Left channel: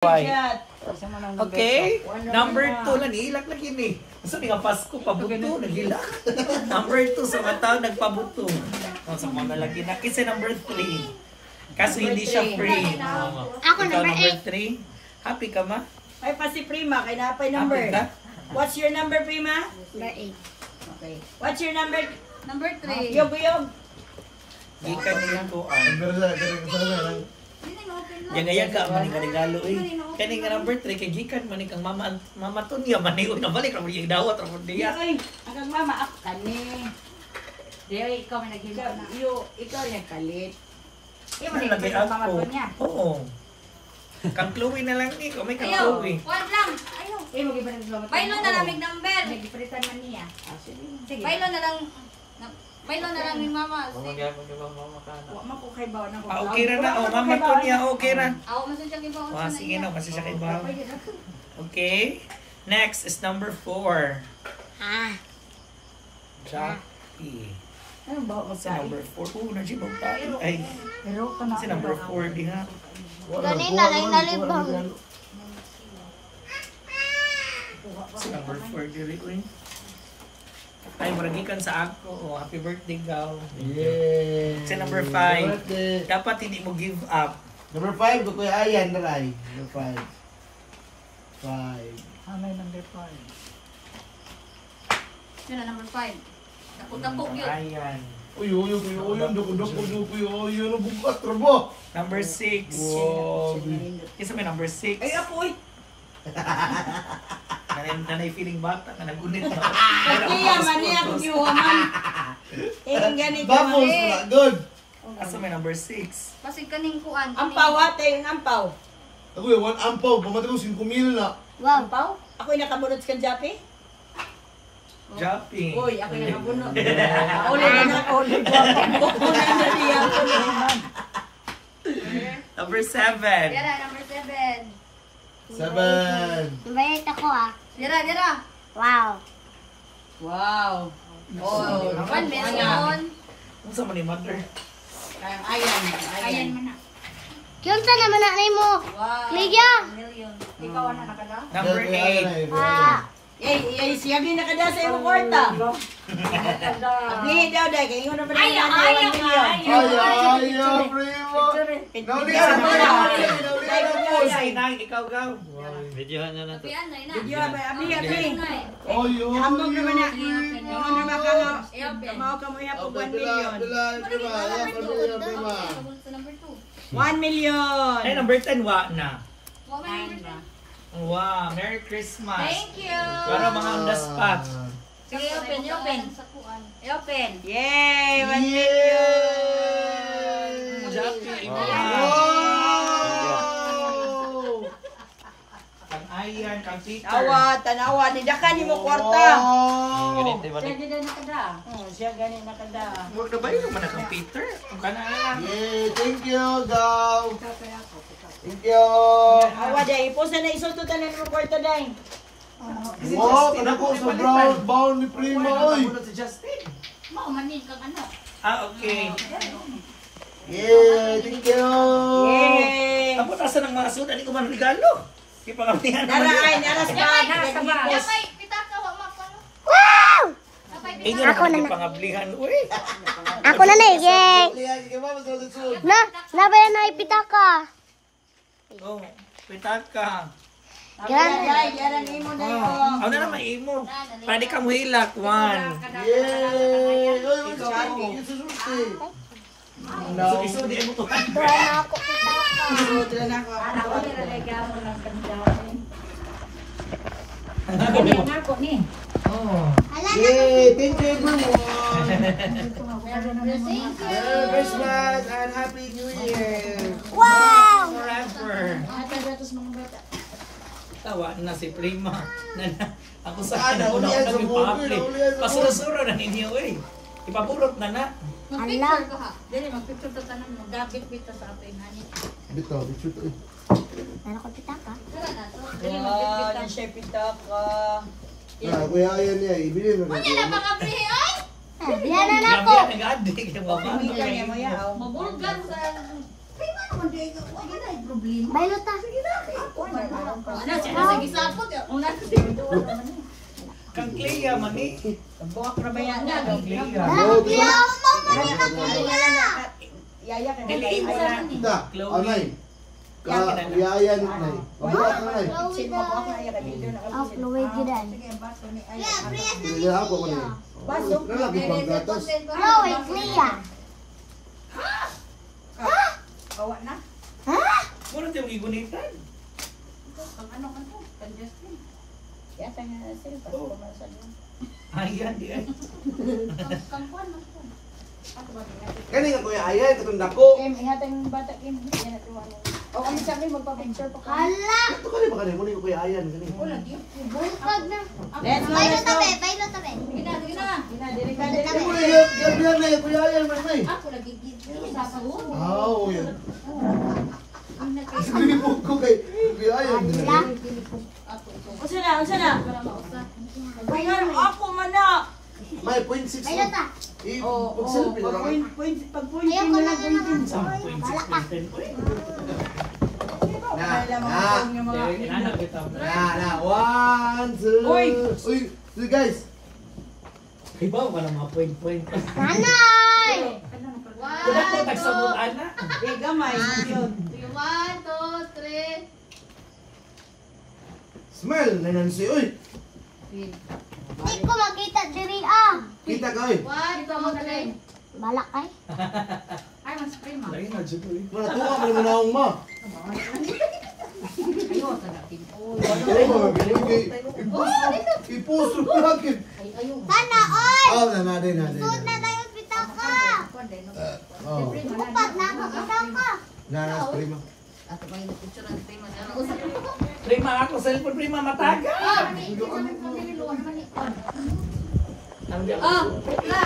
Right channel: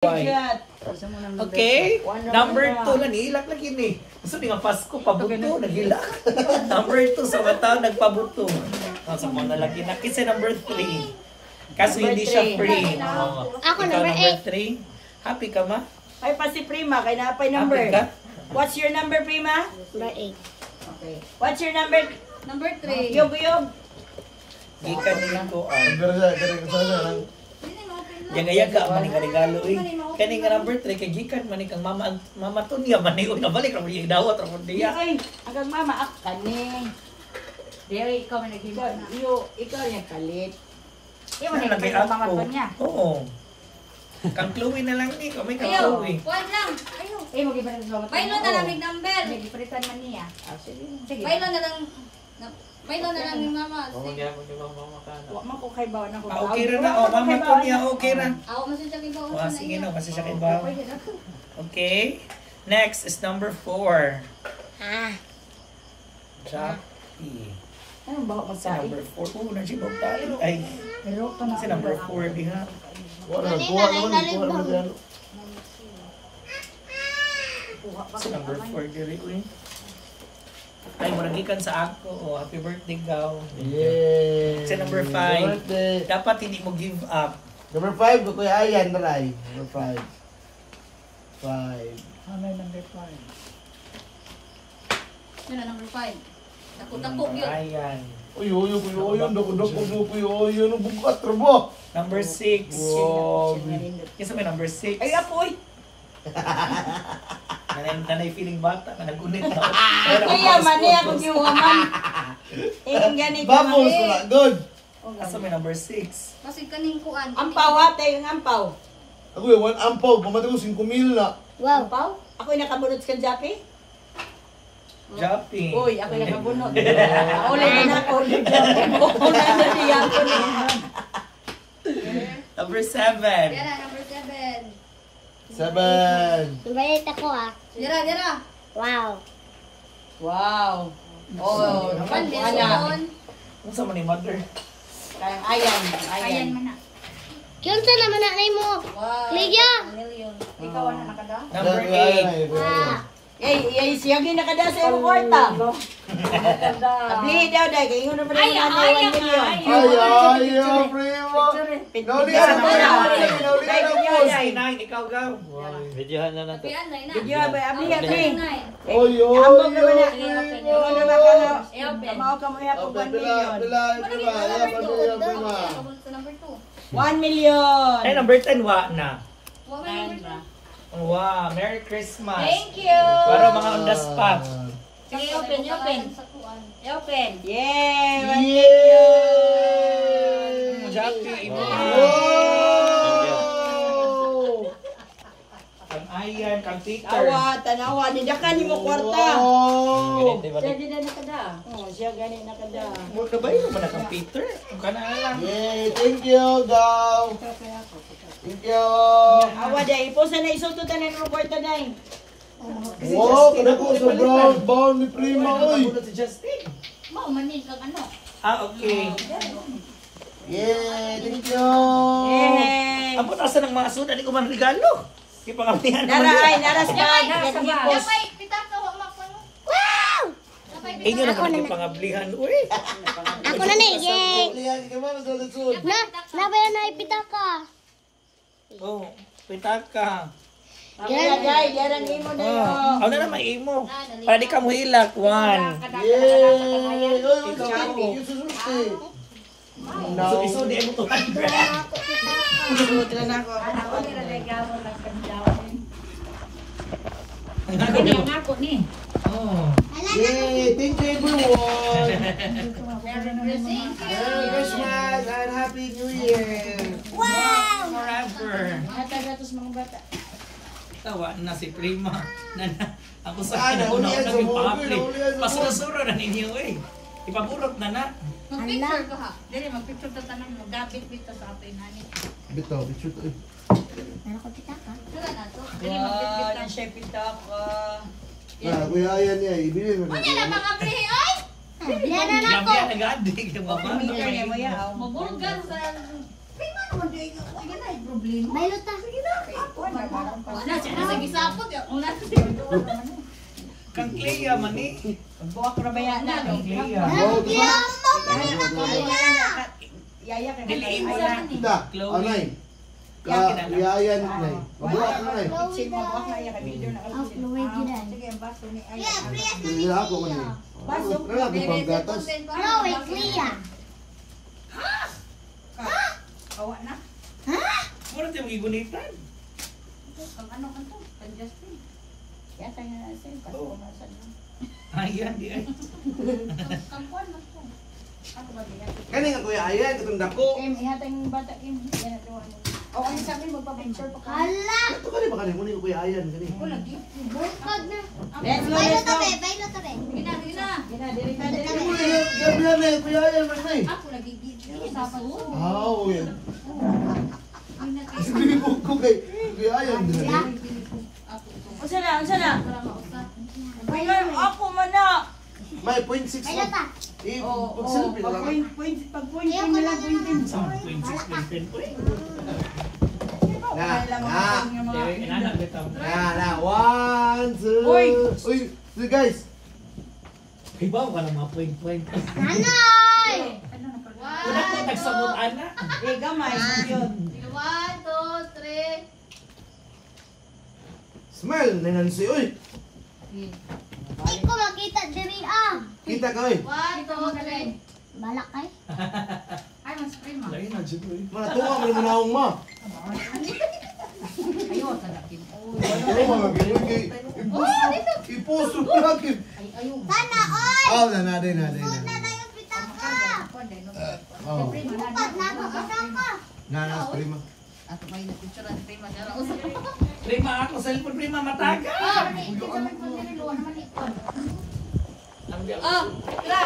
Okay, number 2 lang, nihilak lang yun eh. Gusto nga Pasko, pabuto, naghilak. Number 2, sa mata, nagpabuto. Sa mga nalagi na. Kasi number 3. Kaso hindi siya free. Ako Ikaw number 3. Happy ka ma? Ay pa si Prima, kay napay number. Happy ka? What's your number, Prima? Number 8. Okay. What's your number? Number 3. Yog. Gikan nila ko ang. Yaga-yaga maning regalo eh. Kani nga number 3 kay gikan maning kang mama Tunya maning una balik ra yung dawat ra mo diya. Ay, ang mama ak kani. Dere, ikaw may naging na. Ikaw yung kalit. Iyo, may naging mama niya. Oo. Kang Chloe na lang ni, kami kang Ayaw, Chloe. one lang. Ayaw. Eh, mag-iba sa Bailo na lang may number. Nag-ipritan man niya. Sige. Bailo na lang. Bailo na lang ni mama. Wa man ko kay bawo na ko. Okay ra na, mama Tunya, okay ra. Ako masasya kay bawo. Sige na, kasi siya kay bawo. Okay. Next is number 4. Jackie. Anong bawo mo Si number 4. Oh, nandiyan tayo. Ay, si number 4 di nga. Kanina, nalibang. Si number 4 diri uy. Ay, muragikan sa ako. Oh, happy birthday, Gaw. Yay! Si number 5. Dapat hindi mo give up. Number 5, ko kuya Ayan, taray. Number 5. 5. Ano number 5? Yun na, number 5. Takot-takot yun. Ayan. Uy, ano bukat, rabo. Number 6. Wow. Kisa may number 6. Ay, apoy. Nanay feeling bata ka nagunit na. Kuya, mani ako giwaman. Ang ganit ka Bamos, mani. good. Asa may number 6. Kasi kaning kuan. Ampaw ate, yung ampaw. Ako yung 1 ampaw, pamatay ko 5,000 na. Wow. Ampaw? Ako yung nakabunot sa Jackie? Jumping. Uy, ako yung nakabunot. Ulit na ako, ulit na ako. Ulit na siya ako. Number 7. Dira, number 7. 7. Bait ako Dira. Wow. Wow. Oh, 1 million. Ano sa ni mother? Ayan man na. Yun sa naman na mo. Wow. Liga. Million. Ikaw na nakada? Number 8. Eh, siya ginakada sa iyong kwarta. Ablihin daw, dahil. Kaya yung naman na 1 million. Ayaw, primo. Ikaw, Gaw. Videohan na lang to. Tapian na ina. Video, ablihin. Oy, Ambog naman na. Open. Yung naman ka na. Kamao ka mo yapog 1 million. Sa number 2. 1 million. Ay, number 10, wa na. What may number 2? Wow, Merry Christmas. Thank you. Para mga on the spot. Sige, open. Open. Yay! 1 million. Jackie, Kang Ayan, Kang Peter. Tanawa. Nidakan ni mo kwarta. Siya din na nakada. Siya ganing nakada. Huwag na ba yun naman na Kang Peter? Huwag ka na lang. Yay, thank you, Gaw. Thank you. Awa day. Iposa na isututan ng kwarta day. Wow, kada ko sa brown ball ni Prima, oy. Si Justin. Mau manin kang ano? Okay. Yay, thank you. Yay! Ang putasan ng mga suda, di ko man regalo. Di pa kamihan Nara naman ay, yun. naras ka. Napay, pitaka wa makano. Inyo na kami pangablihan. Uy. Ako na yay. Lihat, gimana sa lisod? Nabayan na ipitaka. Oh, pitaka. Yaran mo na yun. Ano na naman imo? Para di ka mo hilak. 1. Yay! Oy, ikaw, susuti. So, di mo tuhan. Na ako pitaka. Ako ni regalo ng kandawan. Ako ni ang ako ni. Oh. Yay! Thank you, everyone. Thank you. Merry Christmas and Happy New Year. Wow. Forever. Hatagatos mga bata. Tawa na si Prima. Ako Saan? sa una Naulihan sa ko movie, pang-apply. naulihan sa Pasurasura na ninyo eh. Ipapurot na na. Mag-picture ka ha. Dili, mag-picture ka tanan mo. Dapat bita sa ato inani. Bitaw, picture to. Na ako pitaka. Tara na to. Dili, Wow, mag-picture na ka. siya pitaka. Kuya Ayan niya, ibili mo Ano na mga prihe, oy? Yan na ako. Yan, nag-addict. Pamilya niya mo yan. Mabulgar sa... Prima naman di ka. Sige na, ay problema. Bailota. Ano, siya na sa gisapot. Una sa Kang Clea man eh. Buwak na ba yan na? Kang Clea. Oh, gusto mo? Yaya ka na Diliin mo tayo. naman eh. Ita, Chloe. anay. Kayayan, nay. Mabuhat na, nay. Pitsin mo buwak na iya ka video na Oh, Chloe Gidan. Sige, baso ni Aya. Pinagyan ako ko niya. Baso. Grabe pang gatas. Chloe, Clea. Awa na. Muna yung igunitan. Ang ano. Ang Justin. Yata nga natin. Pasko na sa niyo. Ayan, di ay. Kani nga kuya ayan, katong dako. Ihata yung bata yun. Yan at iwan. O kami sa amin, magpa-picture pa ka. Hala. Ito kani ba kani? Muna yung kuya ayan, kani. Bukod na. Let's go, let's Bailota, go. be. Bailota, be. Sige na. Gina, diri ka, diri Ay, ka. kuya, yan na, kuya ayan, man, nay. Ako lagi dito sa salon. Oo, yan. Sige ko kay kuya ayan. Unsa na, unsa na? Ayun, ako man na. May 0.6 mo. Bailota. Pag-selfie na lang. Pag-pointing Ayoko na na lang, pointing. Isang 0.6 uy. Inanak kita. Na. 1, 2. Uy. Uy, guys. Ibaw ka na mga point. Nanay. Kung ako nagsabot anak. Eh, gamay. Yun. 1, 2, 3. Smile na nansi. Uy, Di ko makita diri ah. kita ka, uy. 1, 2, 3. Balak ay. Ay, mas prima. Lain na dyan uy. Manatuwa mo naman akong ma. Ayo, tagapin. Kaya mo, magiging iposto lagi. Sana oy. Oh, na din. Suot na tayo pitaka. Oh, Upat na ako pitaka. nanas prima. Ako may picture ng prima niya. Prima ako, cellphone prima mataga. Oh, naman ikon. Ang Oh, tira.